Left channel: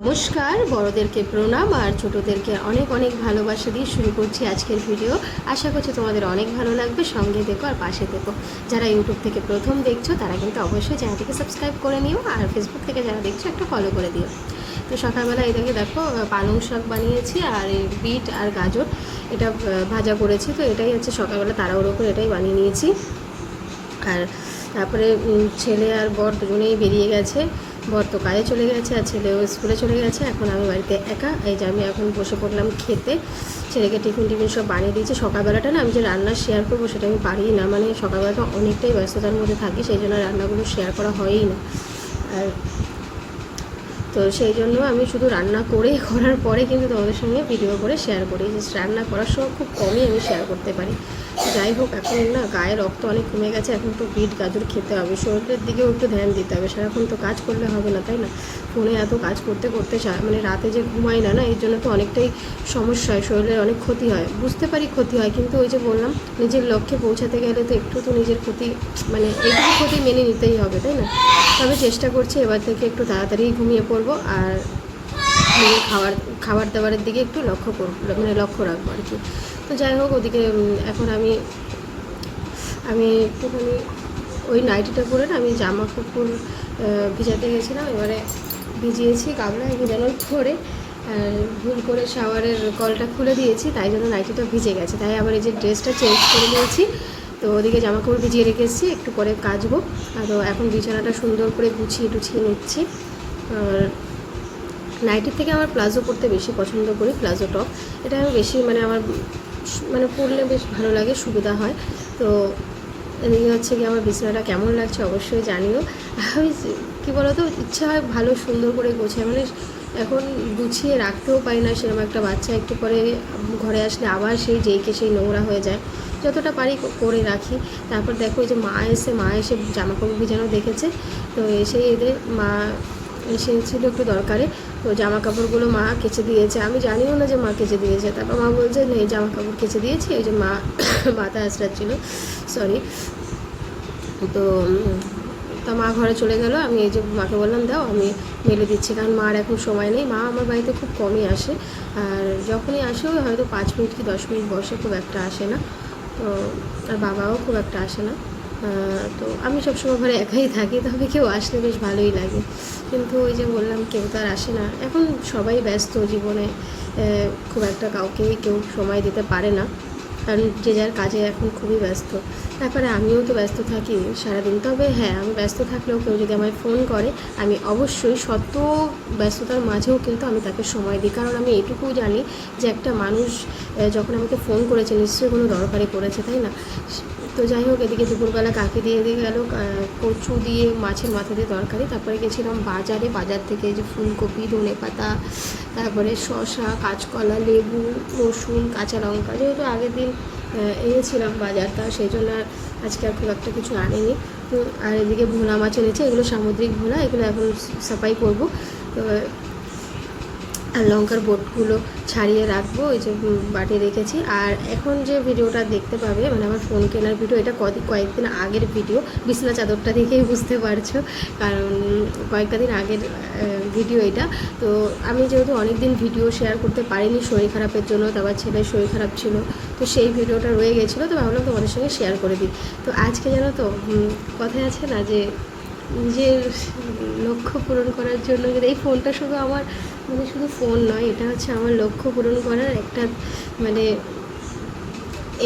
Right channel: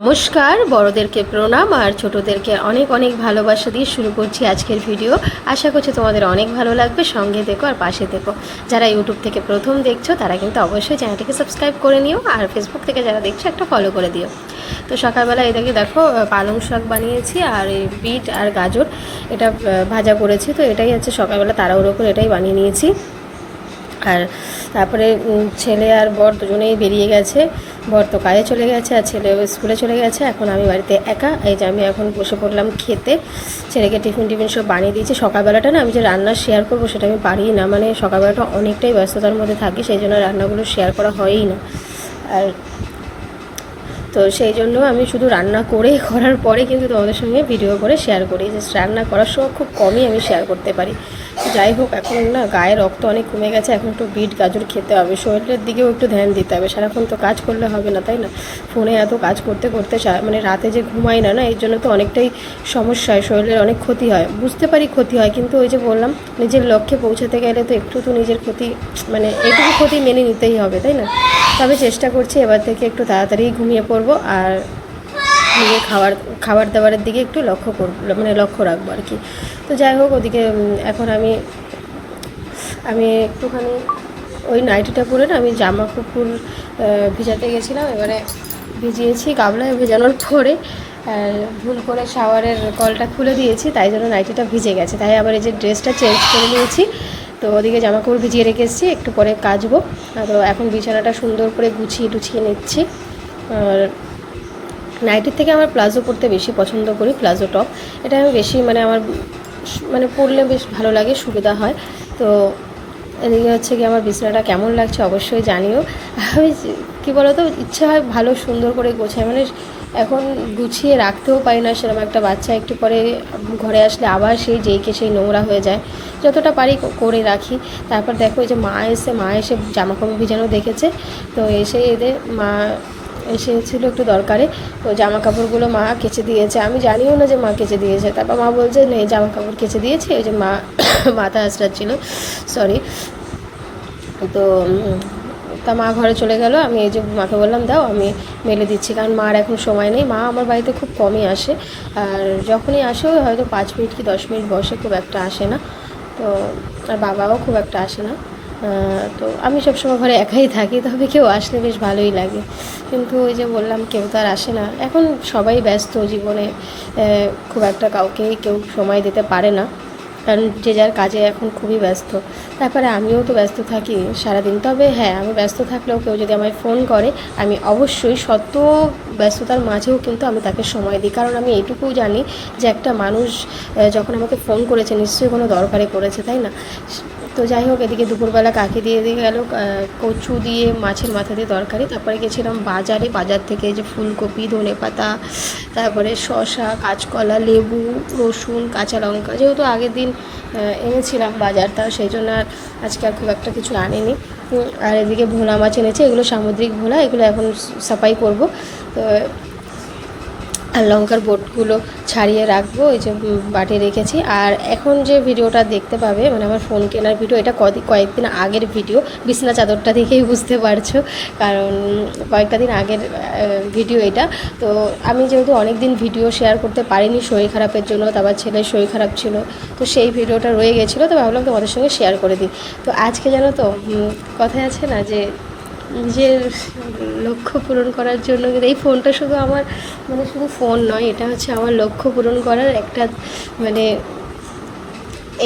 নমস্কার, বড়দেরকে প্রণাম আর ছোটদেরকে অনেক অনেক ভালোবাসা দিয়ে শুরু করছি আজকের ভিডিও। আশা করছি তোমাদের অনেক ভালো লাগবে। সঙ্গে দেখো আর পাশে দেখো। যারা ইউটিউব থেকে প্রথম দেখছো তারা কিন্তু অবশ্যই চ্যানেলটিকে সাবস্ক্রাইব করে নিও, আর ফেসবুক থেকে যারা দেখছো একটা ফলো করে দিও। তো সকালবেলা এটাকে দেখো পালং শাক বানিয়েছি আর এই বিট আর গাজর এটা ভাজা করেছি। তো এটাই হচ্ছে সকালবেলা তাড়াহুড়ো করে এটাই বানিয়ে নিয়েছি। আর তারপরে ছেলে আর বর দুজনেই বেরিয়ে গেছে। বর তো কাজে চলে গেছে আর ছেলেও স্কুলে চলে গেছে। এখন আমি বাড়িতে একা। এই যে আমি এখন বসে পড়লাম খেতে। ছেলেকে টিফিন সব বানিয়ে দিয়েছি। সকালবেলাটা না আমি যে রান্না শেয়ার করবো সেটা আমি পারি না, মানে সকালবেলাটা অনেকটাই ব্যস্ততার মধ্যে থাকি, সেই জন্য রান্নাগুলো শেয়ার করা হয়ই না। আর তো সেই জন্য আমি শুধু রান্না করার পরে কিন্তু তোমাদের সঙ্গে ভিডিও করে শেয়ার করি। যে রান্না করার সময় খুব কমই আমি শেয়ার করতে পারি। যাই হোক, এখন না গায়ে রক্ত অনেক কমে গেছে। এখন একটু বিট গাজর খেতে হবে, শরীরের দিকেও একটু ধ্যান দিতে হবে। সারাক্ষণ তো কাজ করলে হবে না, তাই না? ফোনে এত কাজ করতে করতে মানে রাতে যে ঘুমাই না এই জন্য তো অনেকটাই সমস্যা হয়, শরীরের অনেক ক্ষতি হয়। বুঝতে পারি ক্ষতি হয়, কিন্তু ওই যে বললাম নিজের লক্ষ্যে পৌঁছাতে গেলে তো একটু তো নিজের ক্ষতি, মানে এইটুকু ক্ষতি মেনে নিতেই হবে, তাই না? তবে চেষ্টা করছি এবার থেকে একটু তাড়াতাড়ি ঘুমিয়ে পড়বো আর নিজের খাবার দাবারের দিকে একটু লক্ষ্য করবো, মানে লক্ষ্য রাখবো আর কি। তো যাই হোক, ওদিকে এখন আমি একটুখানি ওই নাইটিটা পরে না আমি জামা কাপড় ভিজাতে গেছিলাম। এবারে ভিজিয়েছি গামলায়, ভেজানোর পরে আর ভুল করে শাওয়ারের কলটা খুলে দিয়েছি, তাই জন্য নাইটিটা ভিজে গেছে। তাই আবার এই যে ড্রেসটা চেঞ্জ করে নিয়েছি। তো ওদিকে জামা কাপড় ভিজিয়ে রেখে এসেছি, একটু পরে কাচবো। তো এখন বিছানাটা সুন্দর করে গুছিয়ে টুছিয়ে নিচ্ছি। আর নাইটির থেকে আমার প্লাজো পরতে বেশি পছন্দ করি, প্লাজো টপ। এটা আমি বেশি মানে পরলে বেশ ভালো লাগে, সুবিধা হয়। তো এদিকে হচ্ছে কি আমার বিছানাটা কেমন লাগছে অবশ্যই জানিও। আমি কী বলতো, ইচ্ছে হয় ভালো সুন্দর করে গোছায়, মানে এখন গুছিয়ে রাখতেও পারি না সেরকম। একটা বাচ্চা একটু পরে ঘরে আসলে আবার সেই নোংরা হয়ে যায়। যতটা পারি করে রাখি। তারপর দেখো যে মা এসে জামা কাপড় ভিজানো দেখেছে। তো এদের মা এসেছিল একটু দরকারে। তো জামা কাপড়গুলো মা কেচে দিয়েছে, আমি জানিও না যে মা কেচে দিয়েছে। তারপর মা বলছে নেই, জামা কাপড় কেচে দিয়েছি। ওই যে মা মাথা আঁচড়াচ্ছিল, সরি। তো তা মা ঘরে চলে গেল। আমি এই যে মাকে বললাম দাও আমি মেলে দিচ্ছি, কারণ মার এখন সময় নেই। মা আমার বাড়িতে খুব কমই আসে, আর যখনই আসে হয়তো 5 মিনিট কি 10 মিনিট বসে, খুব একটা আসে না। তো আর বাবাও খুব একটা আসে না। তো আমি সবসময় ঘরে একাই থাকি, তবে কেউ আসলে বেশ ভালোই লাগে। কিন্তু ওই যে বললাম কেউ তো আর আসে না, এখন সবাই ব্যস্ত জীবনে, খুব একটা কাউকে কেউ সময় দিতে পারে না, কারণ যে যার কাজে এখন খুবই ব্যস্ত। তারপরে আমিও তো ব্যস্ত থাকি সারাদিন। তবে হ্যাঁ, আমি ব্যস্ত থাকলেও কেউ যদি আমায় ফোন করে আমি অবশ্যই শত ব্যস্ততার মাঝেও কিন্তু আমি তাকে সময় দিই, কারণ আমি এইটুকুও জানি যে একটা মানুষ যখন আমাকে ফোন করেছে নিশ্চয়ই কোনো দরকারে করেছে, তাই না? তো যাই হোক, এদিকে দুপুরবেলা কাকে দিয়ে গেল কচু দিয়ে মাছের মাথা দিয়ে তরকারি। তারপরে গেছিলাম বাজার থেকে এই যে ফুলকপি, ধনেপাতা, তারপরে শসা, কাঁচকলা, লেবু, রসুন, কাঁচা লঙ্কা, যেহেতু আগের দিন এনেছিলাম বাজারটা, সেই জন্য আর আজকে আর খুব একটা কিছু আনিনি। আর এদিকে ভোলা মাছ এনেছে, এগুলো সামুদ্রিক ভোলা, এগুলো এখন সাফাই করব। তো আর লঙ্কার বোটগুলো ছাড়িয়ে রাখবো, এই যে বাটি রেখেছি। আর এখন যে ভিডিওটা দেখতে পাবে, মানে আমার ফোন কেনার ভিডিও, এটা কয়েকদিন আগের ভিডিও। বিছনা চাদরটা দেখেই বুঝতে পারছো, কারণ কয়েকটা দিন আগের ভিডিও এটা। তো আমি যেহেতু অনেক দিন ভিডিও শেয়ার করতে পারিনি শরীর খারাপের জন্য, তারপর ছেলের শরীর খারাপ ছিল, তো সেই ভিডিওটা রয়ে গেছিলো। তো ভাবলাম তোমাদের সঙ্গে শেয়ার করে দিই। তো আজকে জানো তো, কথায় আছে না যে নিজের লক্ষ্য পূরণ করার জন্য, এই ফোনটা শুধু আমার, মানে শুধু ফোন নয়, এটা হচ্ছে আমার লক্ষ্য পূরণ করার একটা, মানে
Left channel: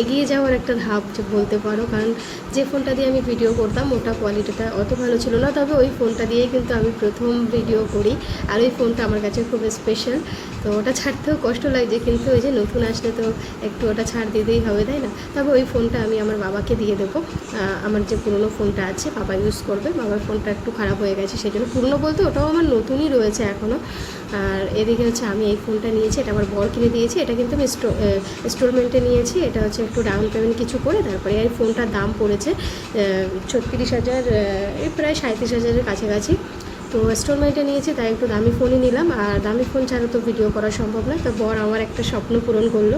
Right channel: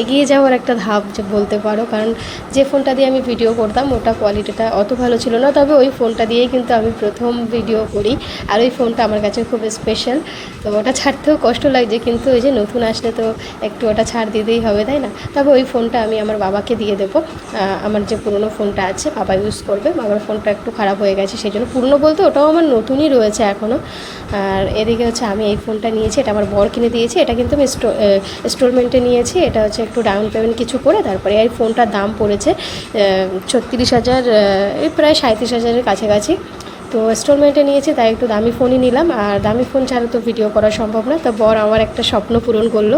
এগিয়ে যাওয়ার একটা ধাপ যে বলতে পারো। কারণ যে ফোনটা দিয়ে আমি ভিডিও করতাম ওটা কোয়ালিটিটা অত ভালো ছিল না, তবে ওই ফোনটা দিয়েই কিন্তু আমি প্রথম ভিডিও করি। আর ওই ফোনটা আমার কাছে খুব স্পেশাল। তো ওটা ছাড়তেও কষ্ট লাগছে, কিন্তু ওই যে নতুন আসলে তো একটু ওটা ছাড় দিতেই হবে, তাই না? তবে ওই ফোনটা আমি আমার বাবাকে দিয়ে দেবো। আমার যে পুরনো ফোনটা আছে বাবা ইউজ করবে। বাবার ফোনটা একটু খারাপ হয়ে গেছে, সেই জন্য পুরনো বলতে ওটাও আমার নতুনই রয়েছে এখনও। আর এদিকে হচ্ছে আমি এই ফোনটা নিয়েছি, এটা আমার বর কিনে দিয়েছে। এটা কিন্তু আমি ইনস্টলমেন্টে নিয়েছি। এটা হচ্ছে একটু ডাউন পেমেন্ট কিছু করে তারপরে এই ফোনটার দাম পড়েছে 36,000, এই প্রায় 37,000-এর কাছাকাছি। তো ইনস্টলমেন্টে নিয়েছি, তাই একটু দামি ফোনই নিলাম। আর দামি ফোন ছাড়া তো ভিডিও করা সম্ভব না। তো বর আমার একটা স্বপ্ন পূরণ করলো।